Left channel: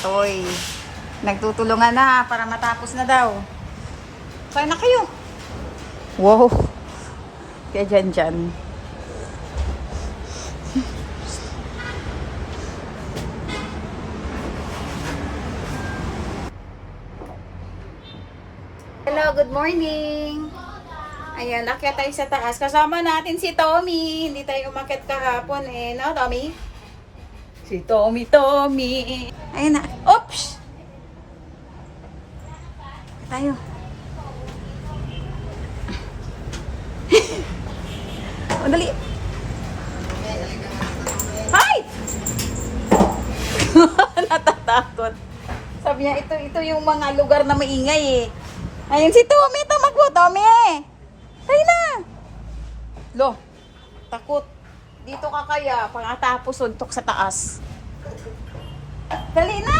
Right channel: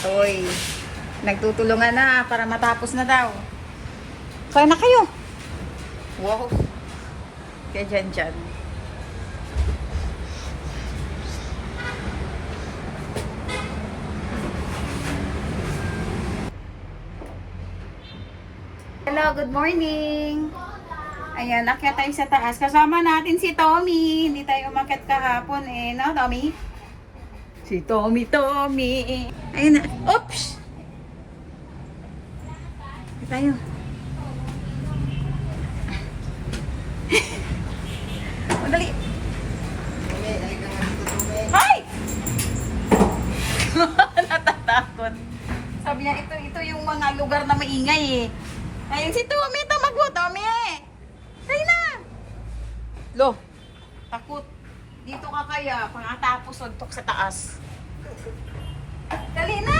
Katoy. Nagtutulungan na para matapos na daw. Kaya na kayo. Wow. Kaya dyan. Hello, good morning. Ayan, akyat tayo sa taas. Kasama natin si Tommy. Hindi tayo umakyat kahapon eh. No, Tommy? Si Tommy. Ayan na. Oops! Tayo. Madali. Hi! Natatakot. Sabi niya, ito yung mga lugar na maingay eh. Ayun si Tommy, tamakbo, Tommy. Tayo na. Lo, takot. Dito ka kaya, pangatapos suntok sa taas. Dali na!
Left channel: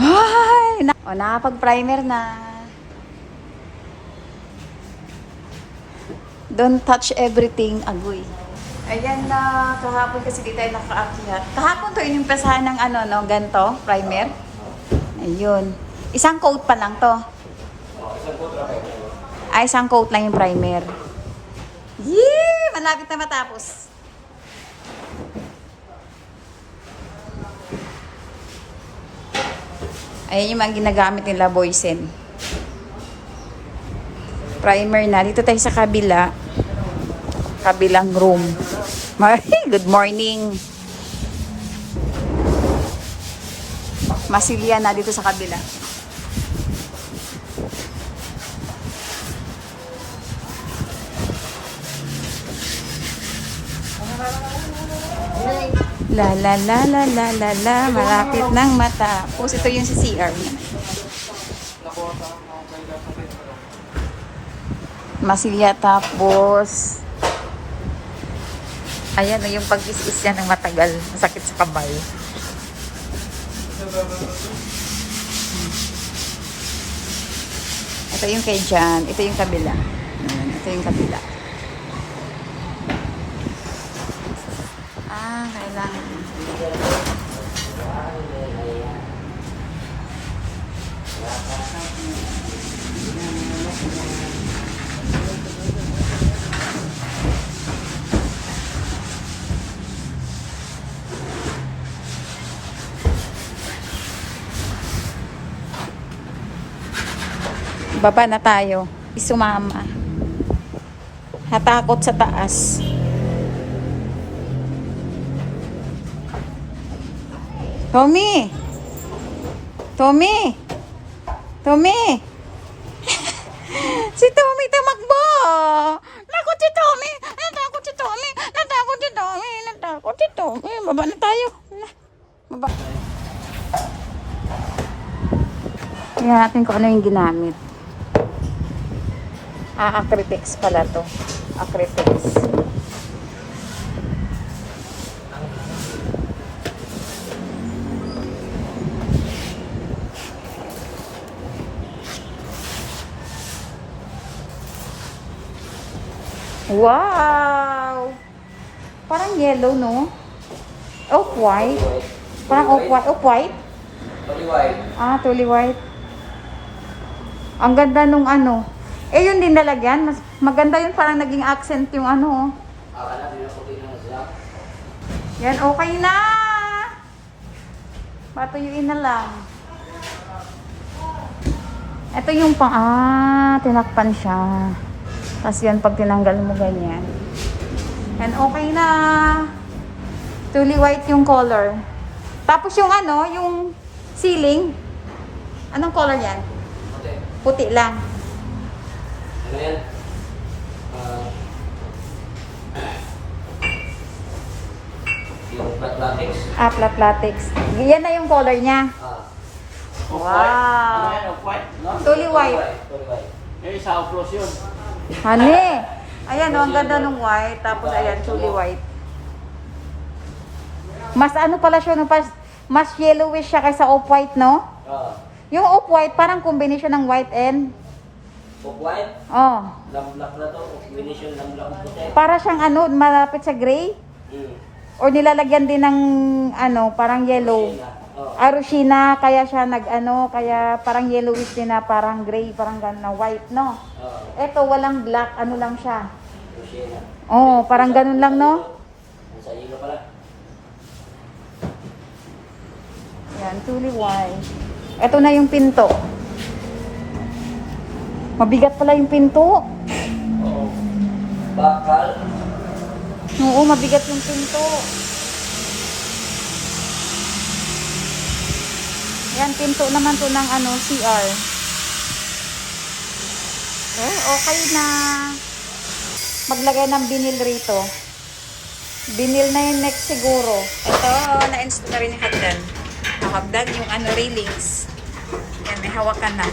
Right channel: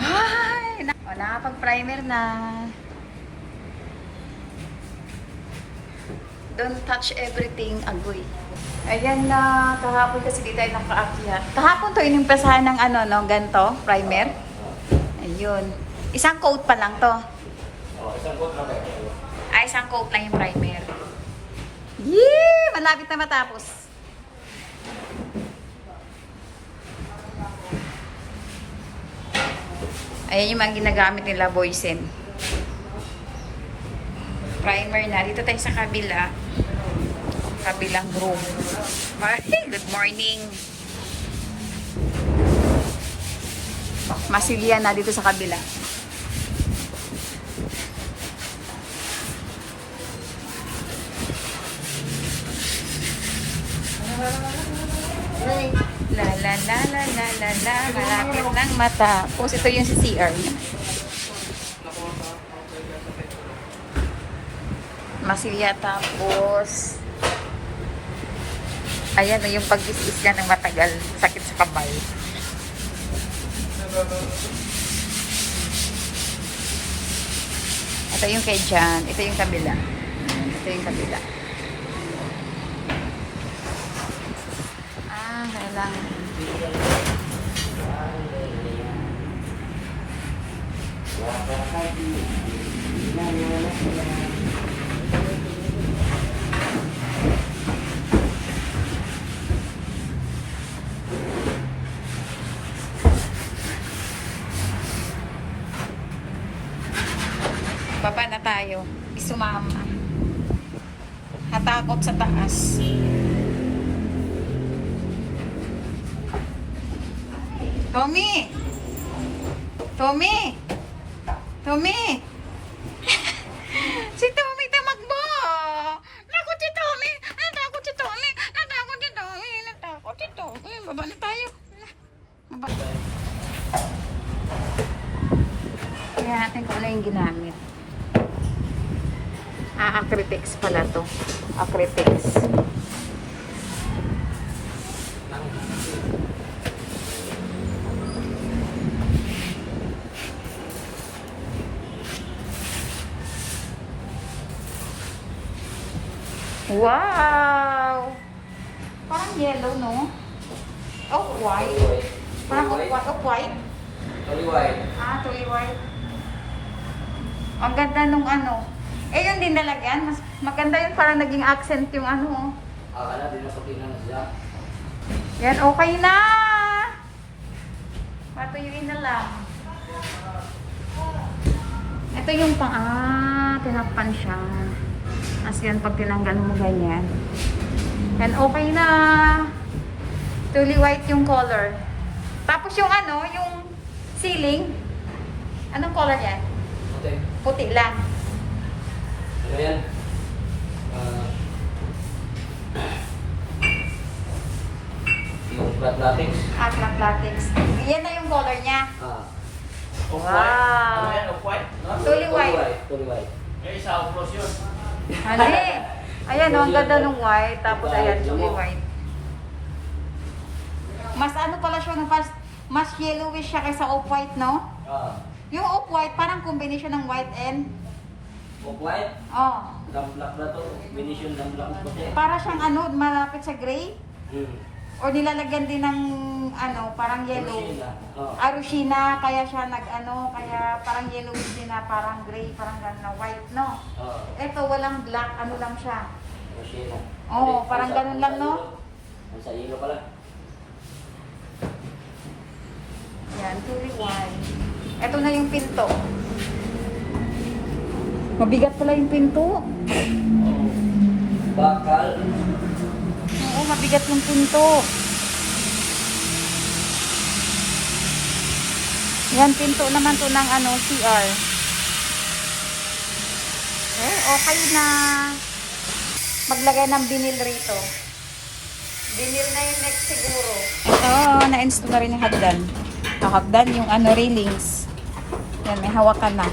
Ay! O, nakapag-primer na. Don't touch everything, agoy. Ayan na, kahapon kasi di tayo nakaakyat. Kahapon to inimpresahan ng ano, no, ganto, primer. Ayun. Isang coat pa lang to. Isang coat lang kayo. Ay, isang coat lang yung primer. Yee! Malapit na matapos. Ayan yung mga ginagamit nila, Boysen. Primer na. Dito tayo sa kabila. Kabilang room. Good morning. Masilya na dito sa kabila. La la la la la la la, malapit ng matapos. Ito yung si CR naman. Masilya tapos. Ayan na yung pag-is-is niya ng matagal. Masakit sa kamay. Ito yung kay Jan. Ito yung kabila. Ayan, ito yung kabila. Kailangan. Baba na tayo. Isumama. Hatakot sa taas. Tommy! Tommy! Tommy! Si Tommy tumakbo! Natakot si Tommy! Natakot si Tommy! Natakot si Tommy! Natakot si Tommy! Baba na tayo. Baba. Tingnan natin kung ano yung ginamit. Acrytex pala to. Acrytex. Wow! Parang yellow, no? Off-white. Parang off-white? Totally white. Totally white. Ang ganda nung ano. Eh, yun din nalagyan. Maganda yun, parang naging accent yung ano. Akala, dinusukin lang siya. Yan, okay na! Patuyuin na lang. Ito yung tinakpan siya. Tapos yan, pag tinanggal mo ganyan. And okay na. Totally white yung color. Tapos yung ano, yung ceiling. Anong color yan? Okay. Puti lang. Ano yan? Yung flat latex. Flat latex. Yan na yung color niya. Off-white. Wow. Ano yan? Off-white? No? Totally white. Totally white. Eh, sa off-rose yun. Honey. Ayan, ang ganda ng white. Tapos ayan, totally white. Mas ano pala siya, no? Mas yellowish siya kaysa off-white, no? Yung off-white, parang combination ng white and... Off-white? Oh. Black na to. Combination ng black and puti. Para siyang ano, malapit sa gray. Or nilalagyan din ng ano, parang yellow. Oh. Arushina, kaya siya kaya parang yellowish din na parang gray, parang gano'n na white, no? Oh. Ito, walang black, ano lang siya. Kusina. Oo, parang ganun lang, no? Sa ilo pala. Yan, truly white. Ito na yung pinto. Mabigat pala yung pinto. Oh. Bakal. Oo, mabigat yung pinto. Yan, pinto naman to ng ano, CR. Okay na. Maglagay ng binil rito. Binil na yung next siguro. Ito, na-install na rin yung hagdan. Hagdan yung ano, railings. Yan, may hawakan na.